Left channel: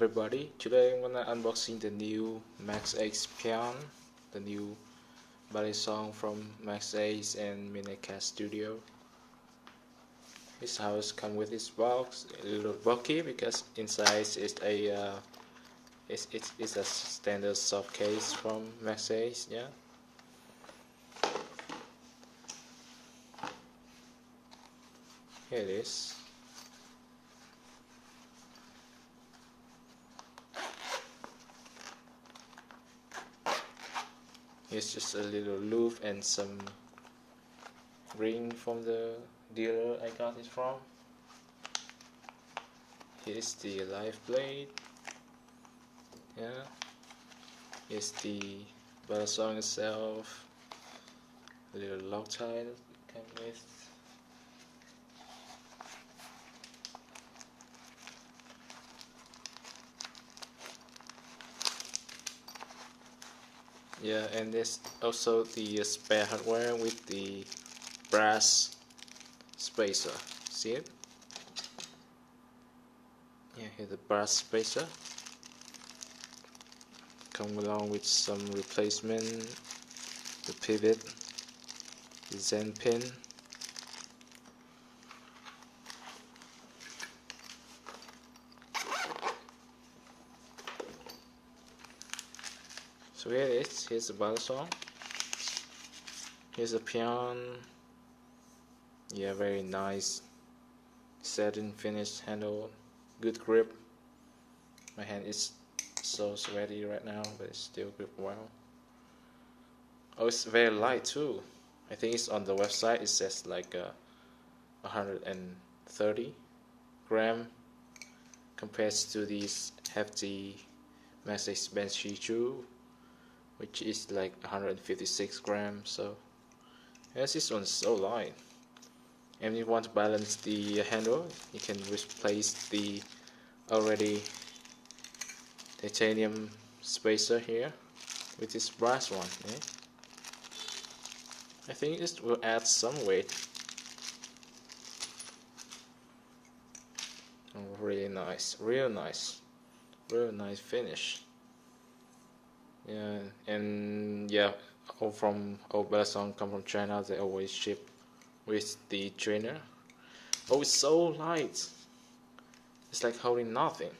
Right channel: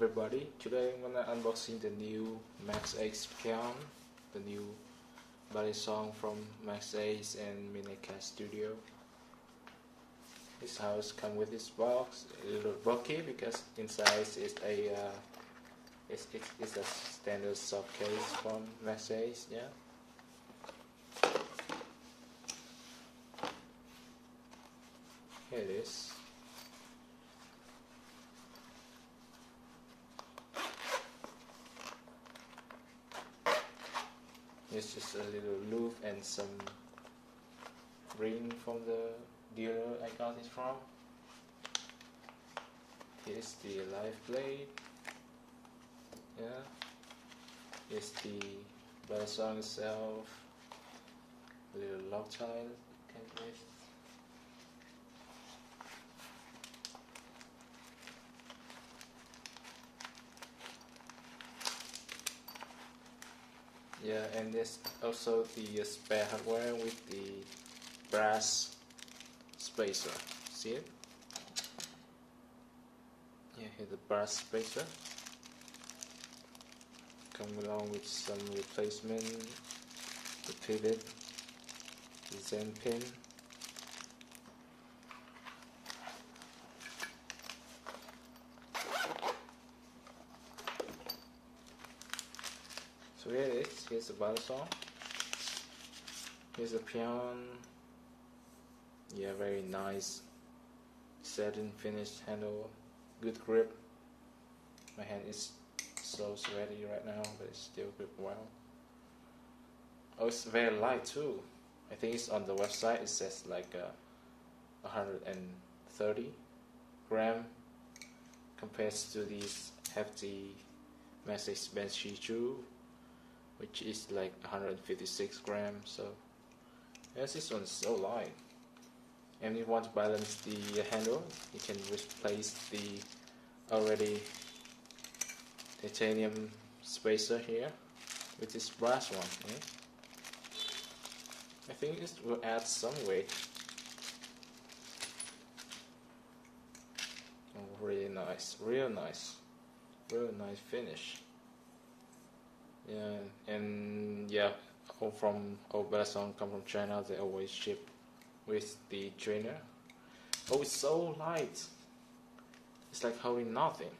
everybody, today I'm gonna unboxing the new Maxace Pian, the new Balisong from Maxace and Maxace Studio. This house comes with this box, a little bulky because inside is it's a standard soft case from Maxace, yeah. Here it is. Here's just a little loop and some ring from the dealer I got it from. Here's the live blade. Yeah. Here's the Balisong itself. A little Loctite that came with. Yeah, and there's also the spare hardware with the brass spacer. See it? Yeah, here's the brass spacer. Come along with some replacement, the pivot, the Zen pin. So here it is. Here's the Balisong. Here's a Pian. Yeah, very nice satin finish handle. Good grip. My hand is so sweaty right now, but it's still grip well. Oh, it's very light too. I think it's on the website. It says like 130 gram compared to these hefty Maxace Banshee 2, which is like 156 grams. So yes, this one's so light. And if you want to balance the handle, you can replace the already titanium spacer here with this brass one. Yeah? I think this will add some weight. Oh, really nice, real nice finish. Yeah, and yeah, all Balisong come from China. They always ship with the trainer. Oh, it's so light. It's like holding nothing.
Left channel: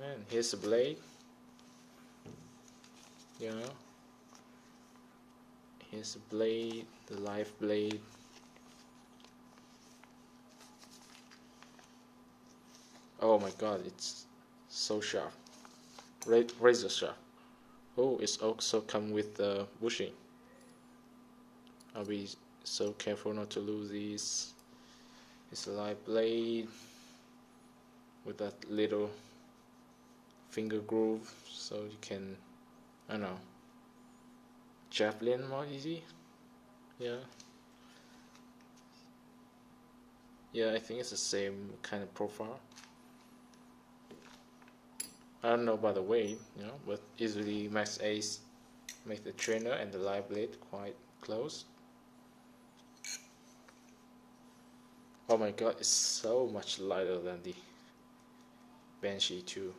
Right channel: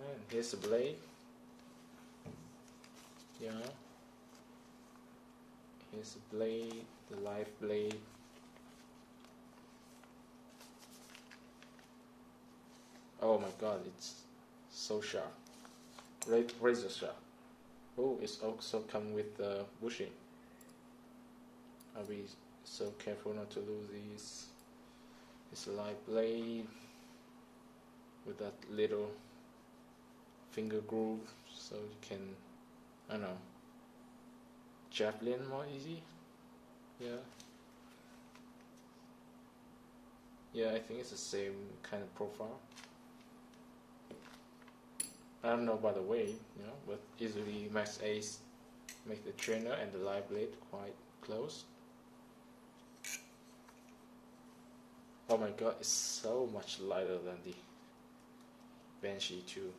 And here's the blade. Yeah. Here's the blade, the live blade. Oh my god, it's so sharp. Razor sharp. Oh, it's also come with the bushing. I'll be so careful not to lose these. It's a live blade with that little finger groove, so you can, I don't know, javelin more easy. Yeah. Yeah, I think it's the same kind of profile. I don't know about the weight, you know, but easily Maxace make the trainer and the live blade quite close. Oh my god, it's so much lighter than the Banshee 2.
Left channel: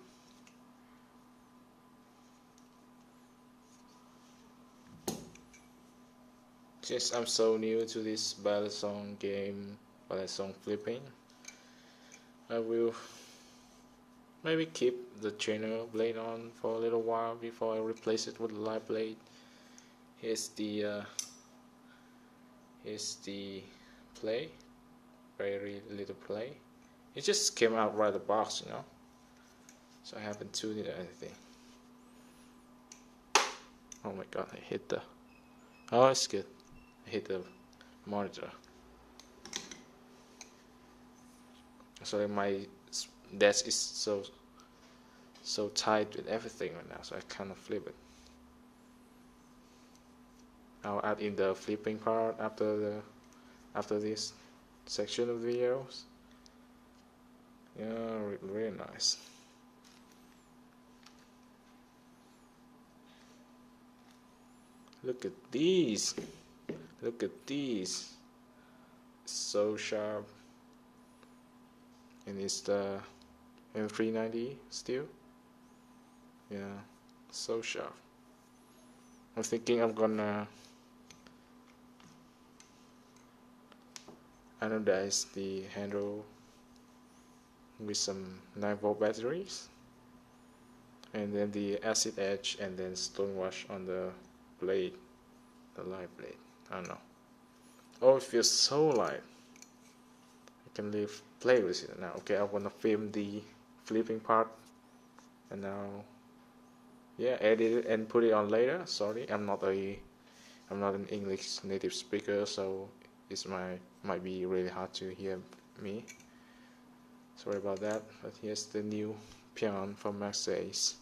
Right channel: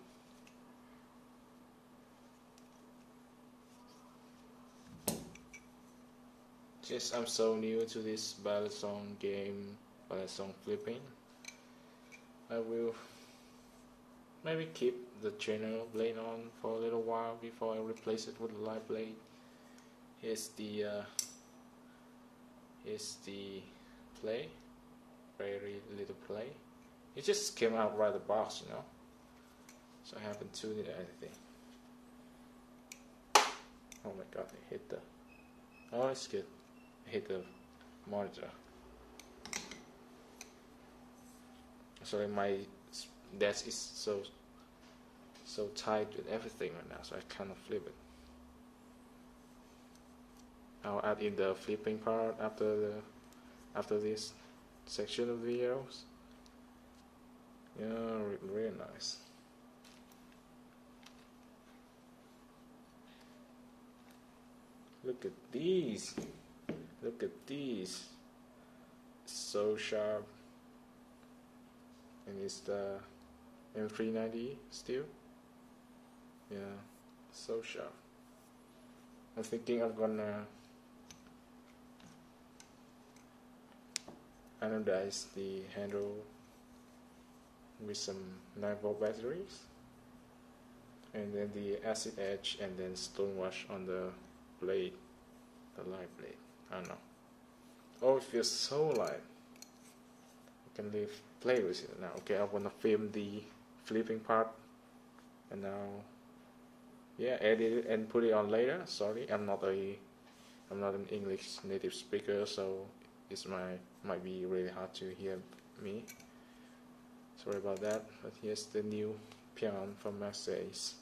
Since I'm so new to this Balisong game, Balisong flipping, I will maybe keep the trainer blade on for a little while before I replace it with a live blade. Here's the play. Very little play. It just came out right the box, you know. So I haven't tuned it or anything. Oh my god, I hit the. Oh, it's good. I hit the monitor. So my desk is so tight with everything right now, so I kind of flip it. I'll add in the flipping part after this section of videos. Yeah, really nice. Look at these. Look at these. So sharp. And it's the and 390 still. Yeah, so sharp. I'm thinking I'm gonna anodize the handle with some 9-volt batteries, and then the acid edge, and then stone wash on the blade, the light blade. I don't know. Oh, it feels so light. I can play with it now. Okay, I wanna film the flipping part, and now, yeah, edit it and put it on later. Sorry, I'm not an English native speaker, so this might be really hard to hear me. Sorry about that. But here's the new Pian from Maxace.